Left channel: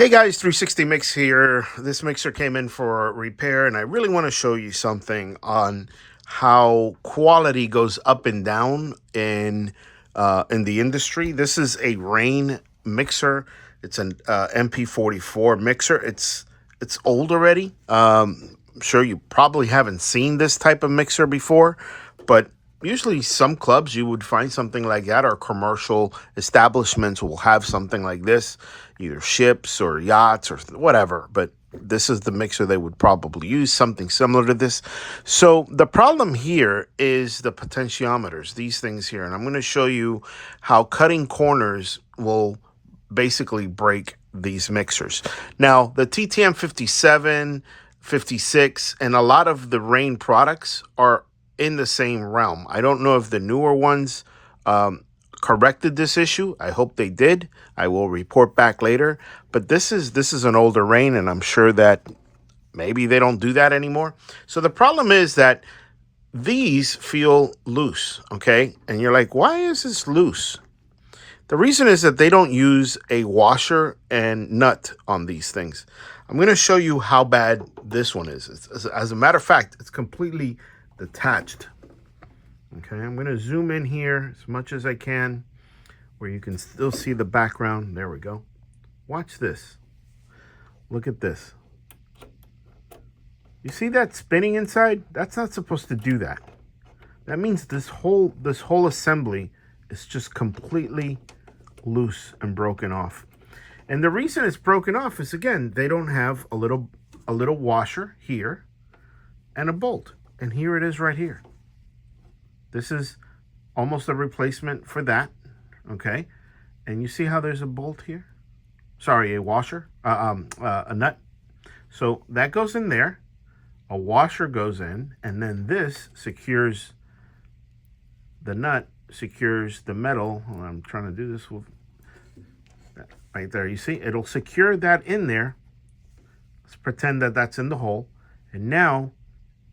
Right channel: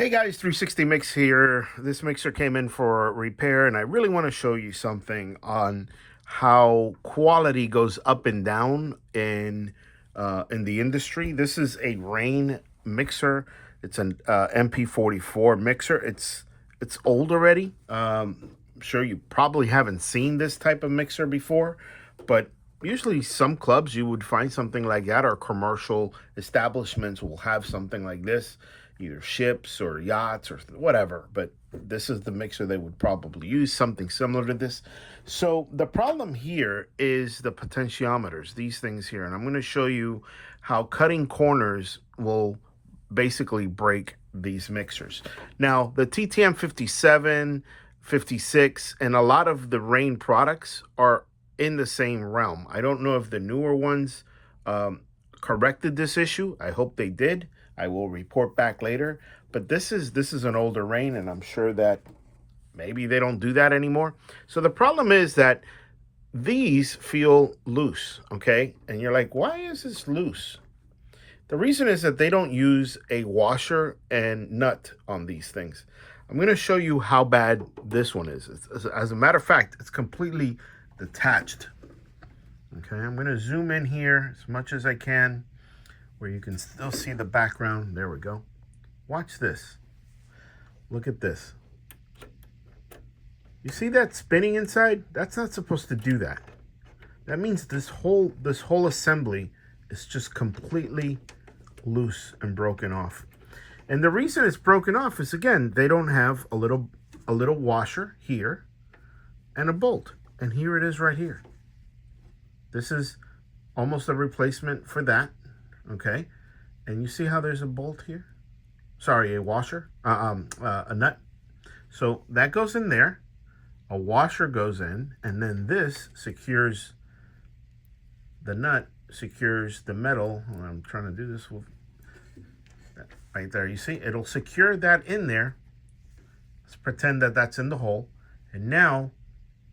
Hey guys, 360 Mix here. This mixer came in for repair and I really want to show you something on how quality goes up and down in the industry. This is a Rane mixer. It's an MP44 mixer. It's old already. I'm sure you probably haven't seen this type of mixer before, but usually some clubs you would find something like that, or commercial establishments will have something like this, either ships or yachts or whatever. But this is the mixer they would probably use, something similar to this. So the problem here is the potentiometers, these things here. And I'm going to show you how cutting corners will basically break these mixers. Now, the TTM 57, 56, and a lot of the Rane products are in the same realm. I don't know if the newer ones corrected this issue. I hope they did. I will report back later. But this is an older Rane, and I'm sure that maybe they don't do that anymore. So the problem is that these feel loose, okay? And you're like, why is this loose? The reason is that they don't use a washer and nut on these things. I'm going to show you how bad this one is. As a matter of fact, it's completely detached. Okay, I'm going to zoom in here as much as I can where you can still see the background. There we go. Watch this. Look at this. You see that spinning inside? That's not supposed to do that. That means this whole assembly is just completely loose and broken off. And the reason it's broken off is, again, they don't have a little washer here and a bolt. And here it is right here. This is almost a replacement for that, okay? And you see how there's a bolt here? Sorry, a washer, a nut. So that goes in there, a washer goes in, and then this secures the nut, secures the metal. Well, I'm trying to do this with right there. You see, it'll secure that in there. Let's pretend that that's in the hole. And now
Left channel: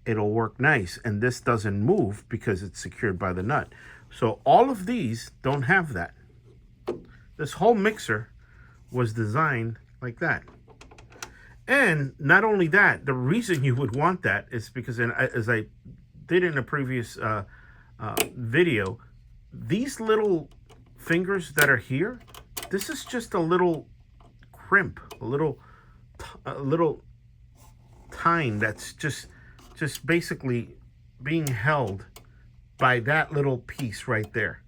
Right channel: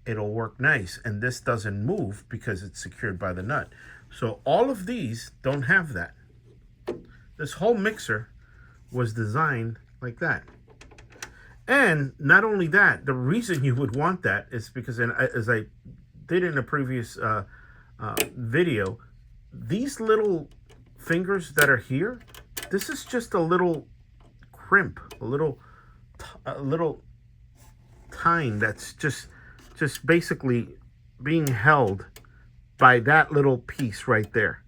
it'll work nice, and this doesn't move because it's secured by the nut. So all of these don't have that. This whole mixer was designed like that. And not only that, the reason you would want that is because, as I did in a previous video, these little fingers that are here, this is just a little crimp, a little tine that's just basically being held by that little piece right there.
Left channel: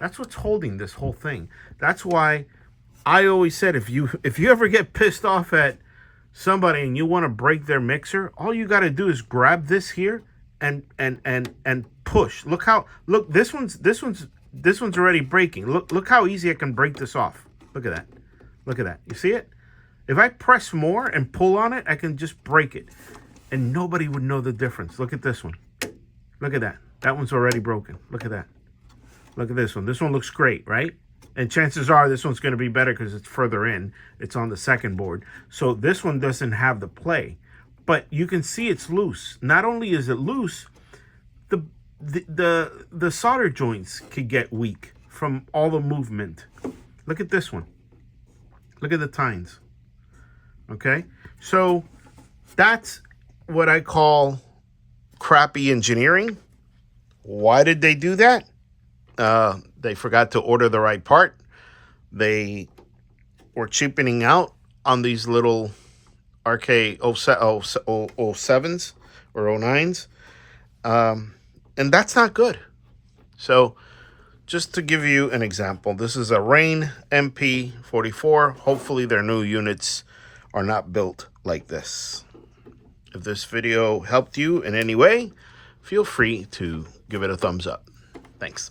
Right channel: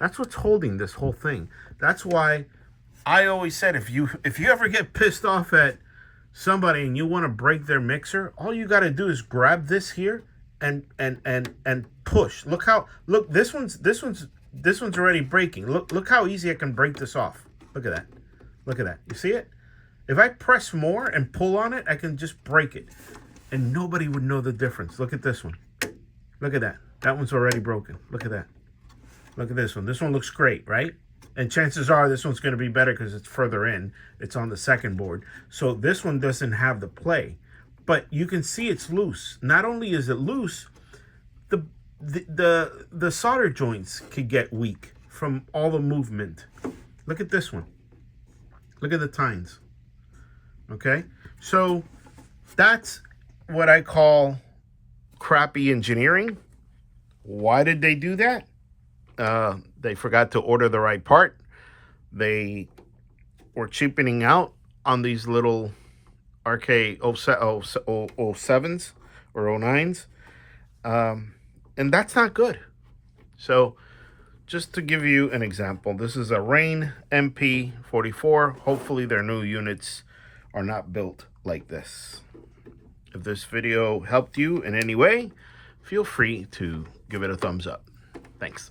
That's what's holding this whole thing. That's why I always said, if you ever get pissed off at somebody and you want to break their mixer, all you got to do is grab this here and push. Look, this one's already breaking. Look how easy I can break this off. Look at that. Look at that. You see it? If I press more and pull on it, I can just break it. And nobody would know the difference. Look at this one. Look at that. That one's already broken. Look at that. Look at this one. This one looks great, right? And chances are this one's going to be better because it's further in. It's on the second board. So this one doesn't have the play. But you can see it's loose. Not only is it loose, the solder joints could get weak from all the movement. Look at this one. Look at the tines. Okay? So that's what I call crappy engineering. Why did they do that? They forgot to order the right part. They were cheapening out on these little RK07s or 09s. And that's not good. So just to give you an example, this is a Rane MP44. Hopefully their new units are not built like this. If this video helped you in any way, feel free to give it a thumbs up. Thanks.